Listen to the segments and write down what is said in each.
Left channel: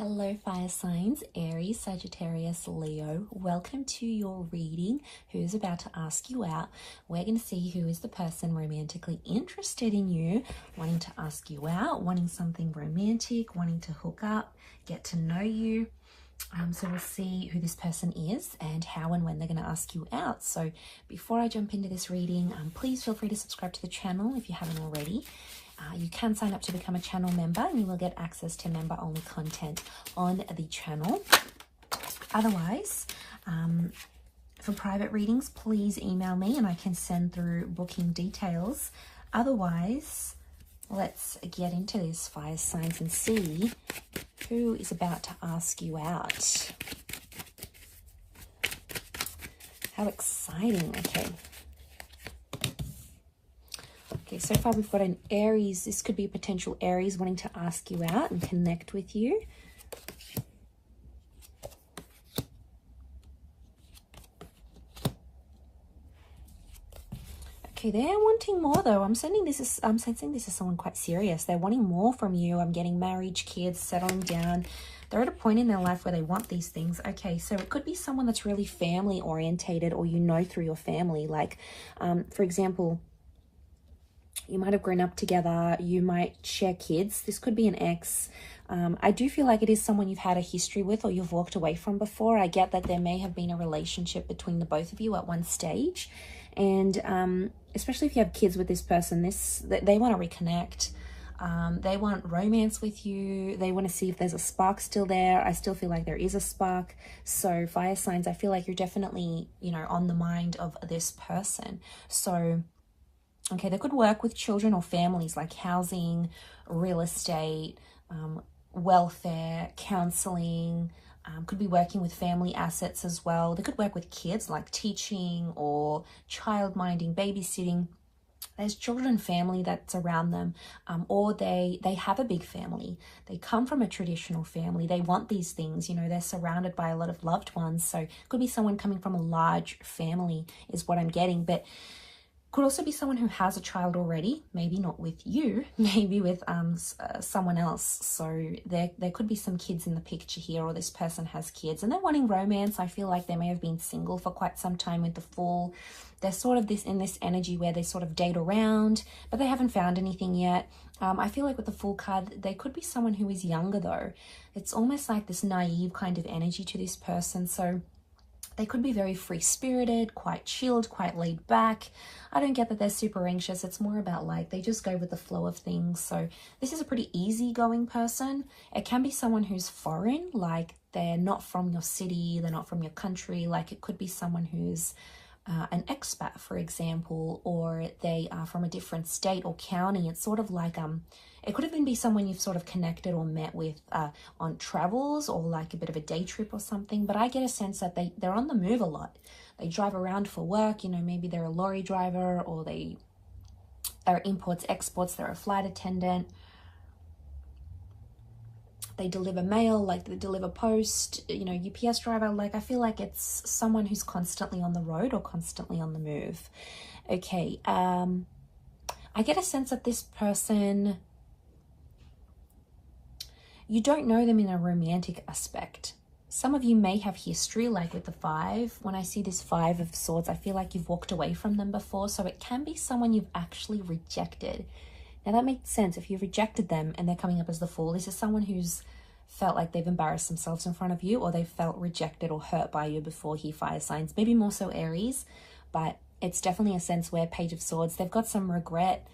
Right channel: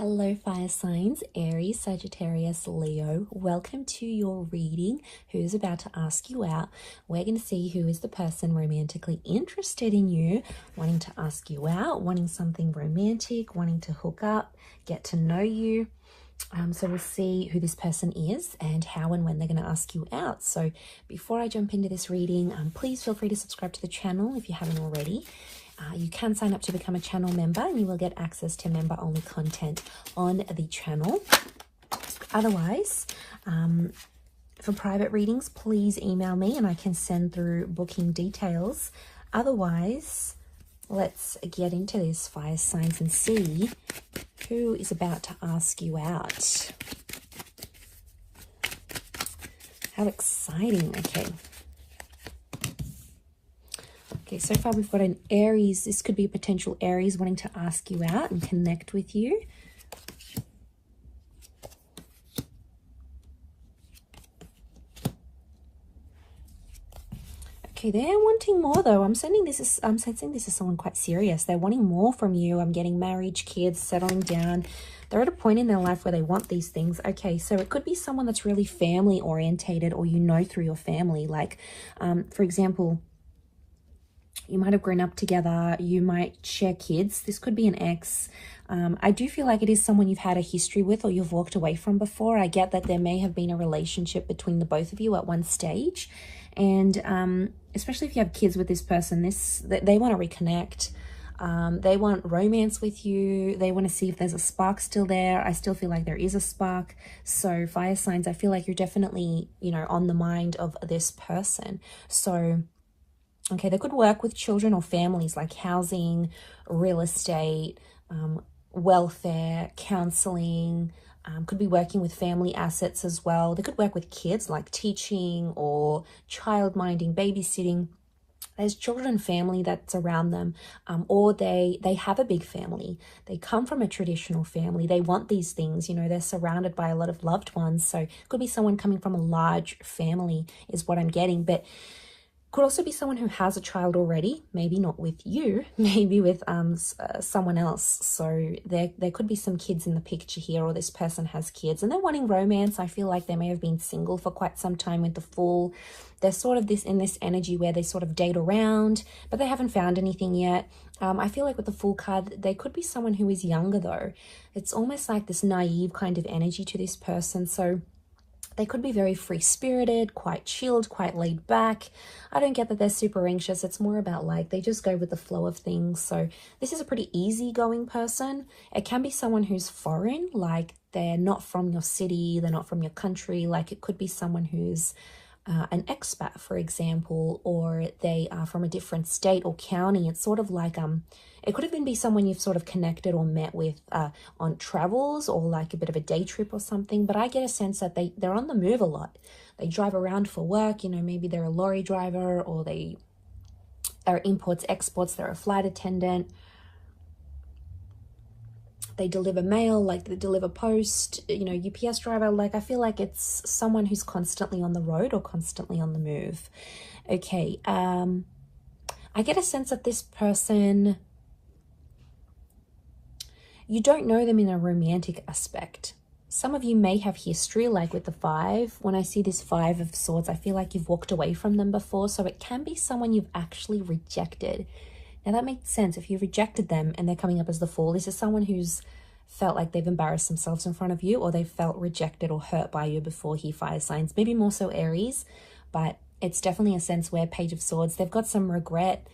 Hello fire signs, Aries, Sagittarius, Leo. Welcome to your reading. Who's about to ask you out? We're going to see who is the person romantically interested in you, wanting to ask you out, wanting something romantic, wanting to hook up, get to know you. So we'll see who this person is and how and when they're going to ask you out. So before I jump into this reading, please feel free to subscribe to the channel if you haven't already. You can sign up to become a channel member and you will get access to member-only content on the channel. Otherwise, for private readings, please email me and I can send through booking details. Otherwise, let's get into this, fire signs, and see who is about to ask you out. How exciting. Okay, so far we've got an Aries. This could be a potential Aries wanting to ask you out and connect with you. Okay, they're wanting more though. I'm sensing this is someone quite serious. They're wanting more from you. I'm getting marriage, kids, settling down. They're at a point in their life where they want these things. Okay, so it could be someone that's really family orientated, or you know through your family. Like, for example, you might have grown up together, you might share kids. This could be an ex. I do feel like it is someone you've had a history with or you've walked away from before. I get that there may have been a relationship between the both of you at one stage. And especially if you have kids with this person, they want to reconnect. They want romance with you. They want to see if there's a spark still there. I still feel like there is a spark. So fire signs, I feel like you're definitely, on the mind of this person. So okay, they could work with children or families, like housing, real estate, welfare, counseling, could be working with family assets as well. They could work with kids, like teaching or child minding, babysitting. There's children and family that's around them, or they have a big family. They come from a traditional family. They want these things, they're surrounded by a lot of loved ones. So it could be someone coming from a large family is what I'm getting. But could also be someone who has a child already, maybe not with you, maybe with someone else. So there could be some kids in the picture here, or this person has kids and they're wanting romance. I feel like they may have been single for quite some time with the Fool. They're sort of in this energy where they sort of date around, but they haven't found anything yet. I feel like with the Fool card, they could be someone who is younger though. It's almost like this naive kind of energy to this person. So they could be very free-spirited, quite chilled, quite laid back. I don't get that they're super anxious. It's more about like they just go with the flow of things. So this is a pretty easygoing person. It can be someone who's foreign, like they're not from your city, they're not from your country. Like it could be someone who's an expat, for example, or they are from a different state or county. It's sort of like it could even be someone you've sort of connected or met with on travels, or like a bit of a day trip or something. But I get a sense that they're on the move a lot. They drive around for work, maybe they're a lorry driver, or they are imports, exports, they're a flight attendant. They deliver mail, like they deliver post, UPS driver. Like I feel like it's someone who's constantly on the road or constantly on the move. Okay, I get a sense that this person, you don't know them in a romantic aspect. Some of you may have history, like with the 5. When I see this 5 of Swords, I feel like you've walked away from them before. So it can be someone you've actually rejected. Now that makes sense. If you rejected them and they're coming up as the Fool, this is someone who's felt like they've embarrassed themselves in front of you, or they've felt rejected or hurt by you before, here, fire signs. Maybe more so Aries, but it's definitely a sense where Page of Swords, they've got some regret.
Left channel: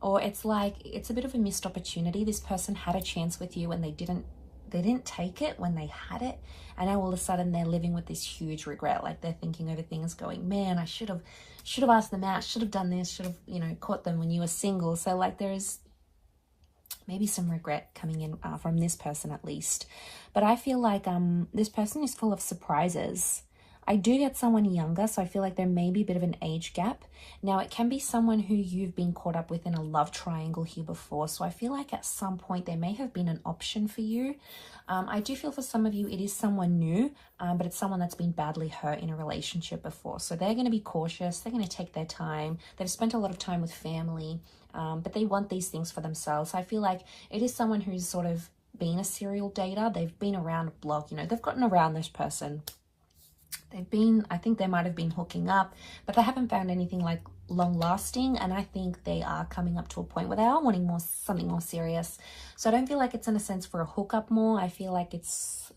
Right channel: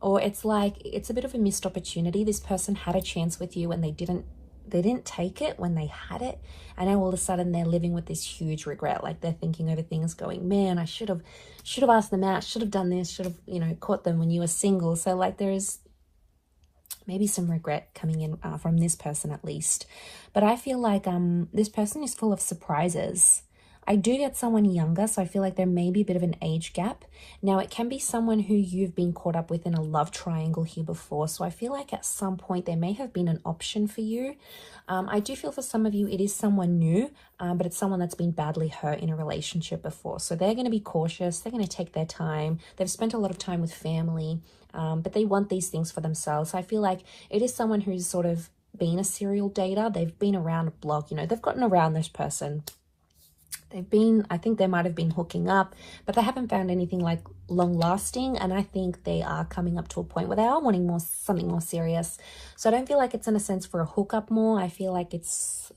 Or it's like it's a bit of a missed opportunity. This person had a chance with you and they didn't take it when they had it, and now all of a sudden they're living with this huge regret. Like they're thinking over things, going, man, I should have asked them out, should have done this, should have caught them when you were single. So like there's maybe some regret coming in from this person at least. But I feel like this person is full of surprises. I do get someone younger, so I feel like there may be a bit of an age gap. Now, it can be someone who you've been caught up with in a love triangle here before. So I feel like at some point there may have been an option for you. I do feel for some of you it is someone new, but it's someone that's been badly hurt in a relationship before. So they're going to be cautious. They're going to take their time. They've spent a lot of time with family, but they want these things for themselves. So I feel like it is someone who's sort of been a serial dater. They've been around a block, you know, they've gotten around this person. They've been, I think they might have been hooking up, but they haven't found anything like long lasting. And I think they are coming up to a point where they are wanting more, something more serious. So I don't feel like it's in a sense for a hookup more. I feel like it's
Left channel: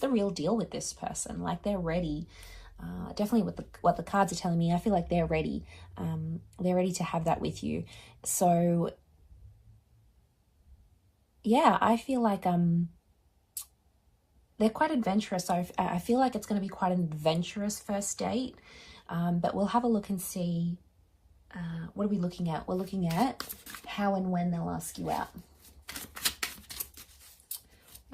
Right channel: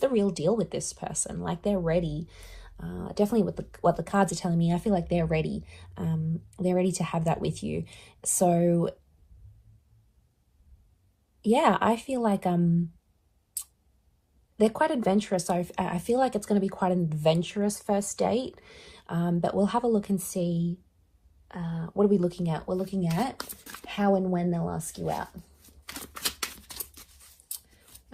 the real deal with this person. Like they're ready. Definitely with what the cards are telling me, I feel like they're ready. They're ready to have that with you. So yeah, I feel like they're quite adventurous. So I feel like it's going to be quite an adventurous first date. But we'll have a look and see. What are we looking at? We're looking at how and when they'll ask you out.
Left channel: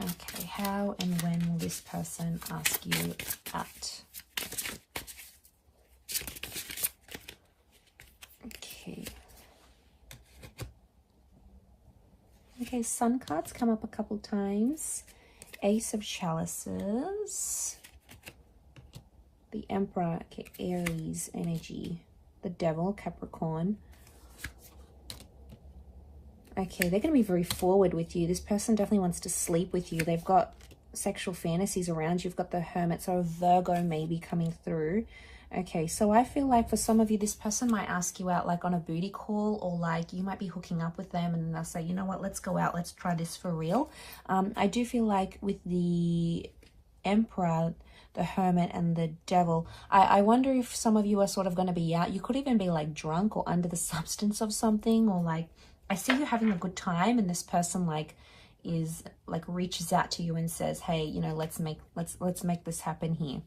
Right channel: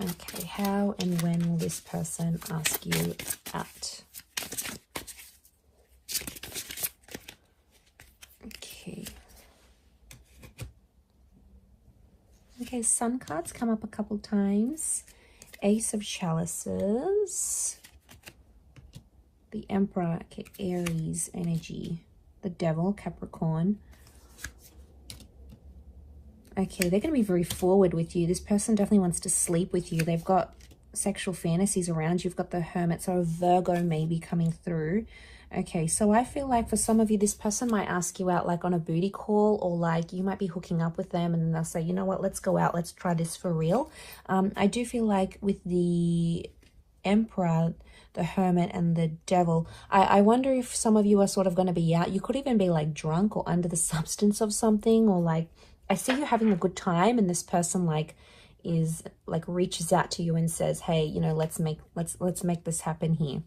Okay, how and when will this person ask you out? Okay, Sun cards come up a couple times. Ace of Chalices. The Emperor, okay, Aries energy. The Devil, Capricorn. Okay, they're going to be very forward with you. This person definitely wants to sleep with you. They've got sexual fantasies around you. You've got the Hermit, so a Virgo maybe coming through. Okay, so I feel like for some of you, this person might ask you out like on a booty call, or like you might be hooking up with them and then they'll say, you know what, let's go out, let's try this for real. I do feel like with the Emperor, the Hermit and the Devil, I wonder if some of you are sort of going to be out. You could even be like drunk or under the substance of something, or like I see you having a good time and this person like is like reaches out to you and says, hey, you know, let's make this happen here.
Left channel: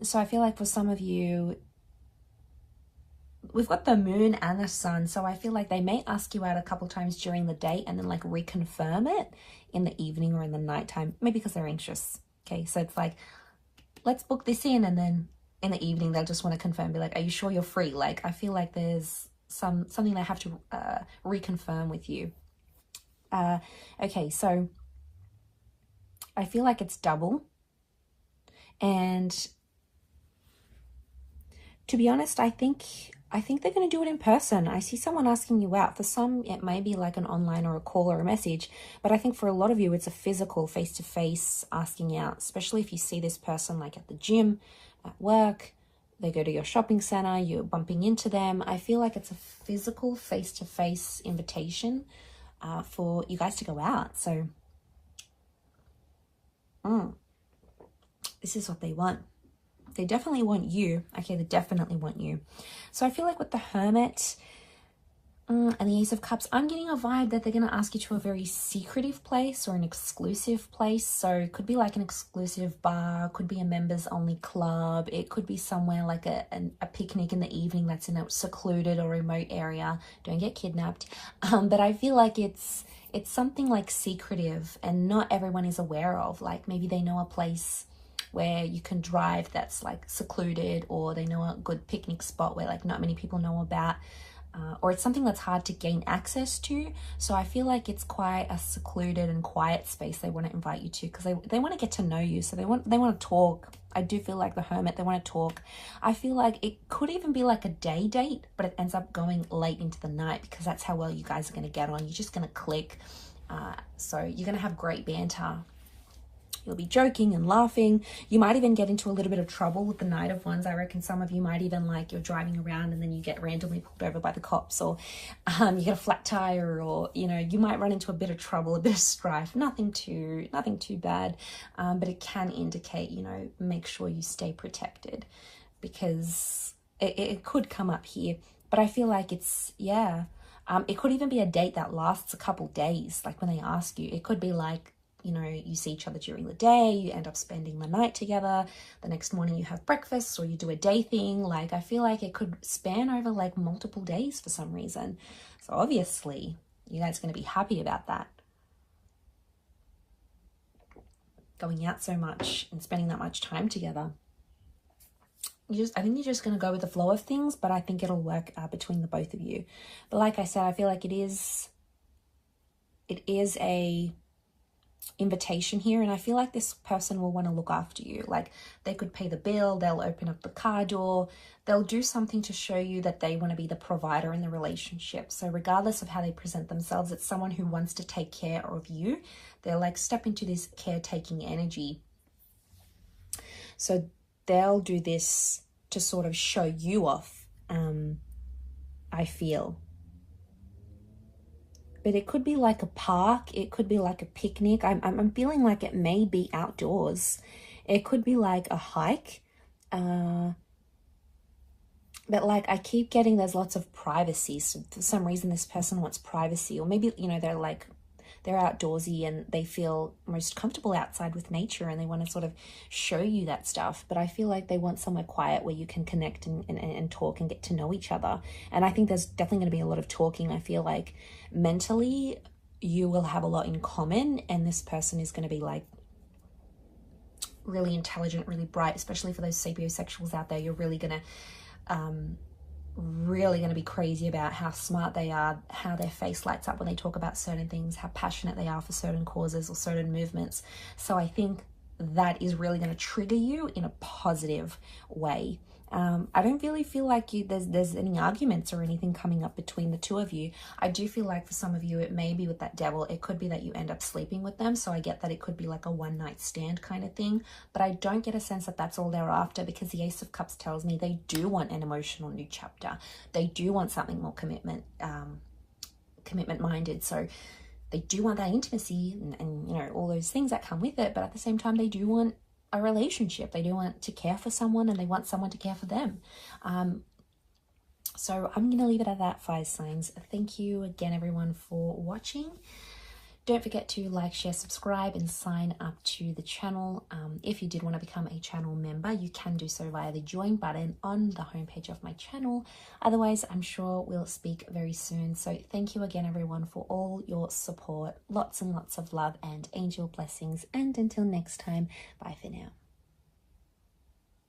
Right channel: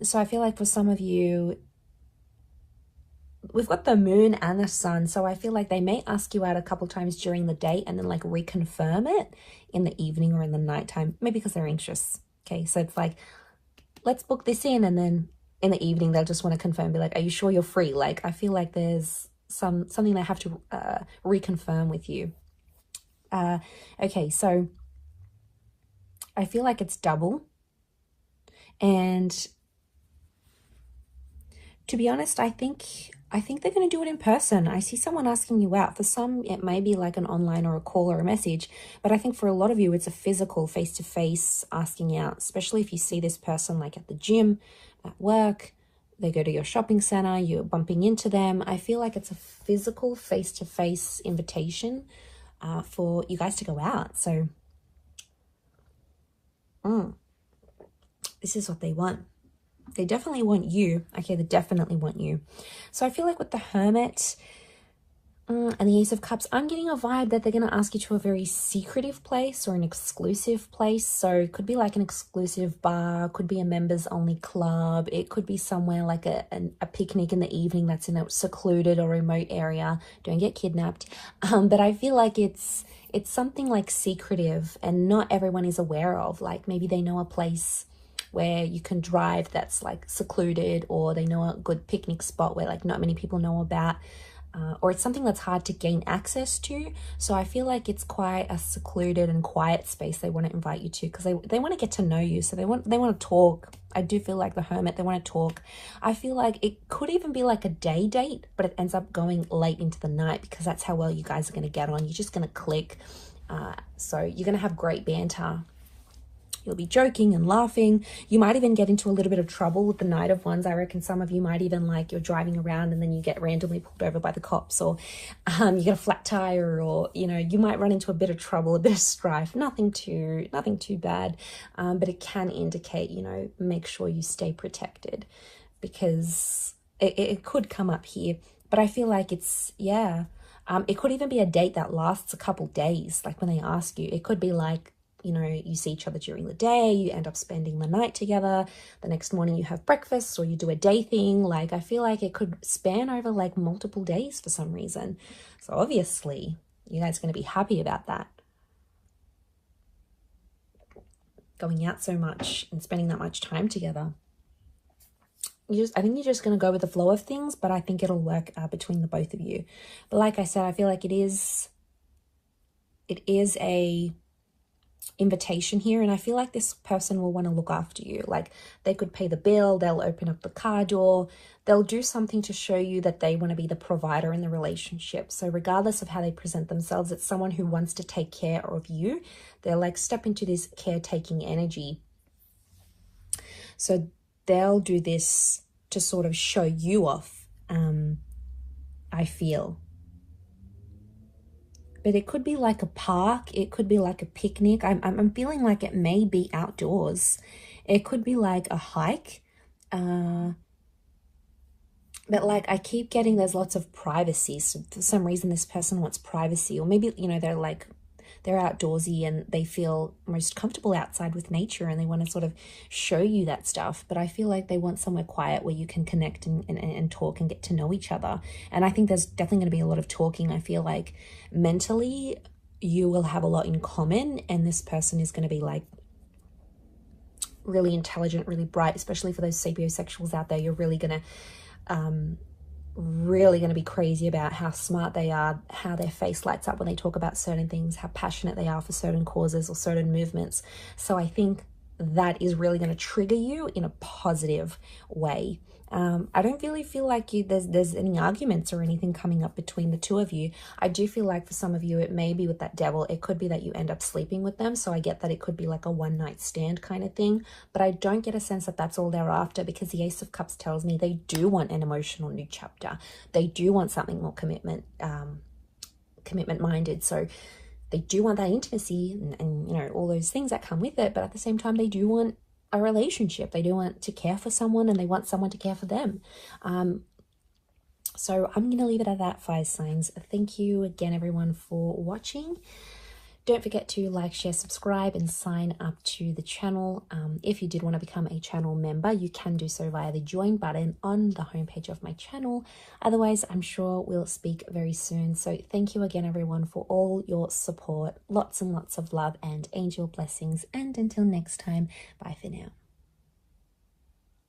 So I feel like for some of you, we've got the Moon and the Sun, so I feel like they may ask you out a couple times during the date and then like reconfirm it in the evening or in the nighttime, maybe because they're anxious. Okay, so it's like, let's book this in, and then in the evening they'll just want to confirm, be like, are you sure you're free? Like I feel like there's something they have to reconfirm with you. Okay, so I feel like it's double. And to be honest, I think they're going to do it in person. I see someone asking you out. For some, it may be like an online or a call or a message, but I think for a lot of you, it's a physical face-to-face asking out, especially if you see this person like at the gym, at work, they go to your shopping center, you're bumping into them. I feel like it's a physical face-to-face invitation for you guys to go out. So, this is what they want. They definitely want you. Okay, they definitely want you. So I feel like with the Hermit and the Ace of Cups, I'm getting a vibe that they're going to ask you to a very secretive place or an exclusive place. So it could be like an exclusive bar, could be a members only club. It could be somewhere like a picnic in the evening that's in a secluded or remote area. Don't get kidnapped. But I feel like it's something like secretive and not everyone is aware of. Like maybe they know a place where you can drive that's like secluded, or they know a good picnic spot where like not many people know about, or it's something that's hard to gain access to. So I feel like it's quite a secluded and quiet space they want to invite you to, because they want to get to know you. So they want to talk. I do feel like the Hermit, they want to talk. I feel like it could even be like a day date, but it ends up going late into the night, because that's how well you guys are going to get on. You're just going to click. So you're going to have great banter. You'll be joking and laughing. You might even get into a little bit of trouble with the Knight of Wands. I reckon some of you might even like, you're driving around and then you get randomly pulled over by the cops, or you get a flat tire, or you know, you might run into a bit of trouble, a bit of strife. Nothing too bad, but it can indicate, you know, make sure you stay protected, because it could come up here. But I feel like it's, yeah, it could even be a date that lasts a couple days. Like when they ask you, it could be like, you know, you see each other during the day, you end up spending the night together, the next morning you have breakfast, or you do a day thing. Like I feel like it could span over like multiple days for some reason. So obviously you guys are going to be happy about that. Going out so much and spending that much time together. I think you're just going to go with the flow of things, but I think it'll work between the both of you. But like I said, I feel like it is a invitation here, and I feel like this person will want to look after you. Like they could pay the bill, they'll open up the car door, they'll do something to show you that they want to be the provider in the relationship. So regardless of how they present themselves, it's someone who wants to take care of you. They'll like step into this caretaking energy. So they'll do this to sort of show you off, I feel. But it could be like a park. It could be like a picnic. I'm feeling like it may be outdoors. It could be like a hike. But like I keep getting there's lots of privacy. So for some reason this person wants privacy. Or maybe, you know, they're outdoorsy and they feel most comfortable outside with nature and they want to sort of show you that stuff. But I feel like they want somewhere quiet where you can connect and talk and get to know each other. And I think there's definitely going to be a lot of talking. I feel like mentally you will have a lot in common, and this person is going to be like really intelligent, really bright, especially for those sapiosexuals out there. You're really going to be crazy about how smart they are, how their face lights up when they talk about certain things, how passionate they are for certain causes or certain movements. So I think that is really going to trigger you in a positive way. I don't really feel like there's any arguments or anything coming up between the two of you. I do feel like for some of you, it may be with that devil. It could be that you end up sleeping with them. So I get that it could be like a one-night stand kind of thing. But I don't get a sense that that's all they're after, because the Ace of Cups tells me they do want an emotional new chapter. They do want something more commitment-minded. So they do want that intimacy and, you know, all those things that come with it. But at the same time, they do want a relationship. They do want to care for someone, and they want someone to care for them. So I'm going to leave it at that, fire signs. Thank you again, everyone, for watching. Don't forget to like, share, subscribe, and sign up to the channel. If you did want to become a channel member, you can do so via the join button on the homepage of my channel. Otherwise, I'm sure we'll speak very soon. So thank you again, everyone, for all your support. Lots and lots of love and angel blessings. And until next time, bye for now.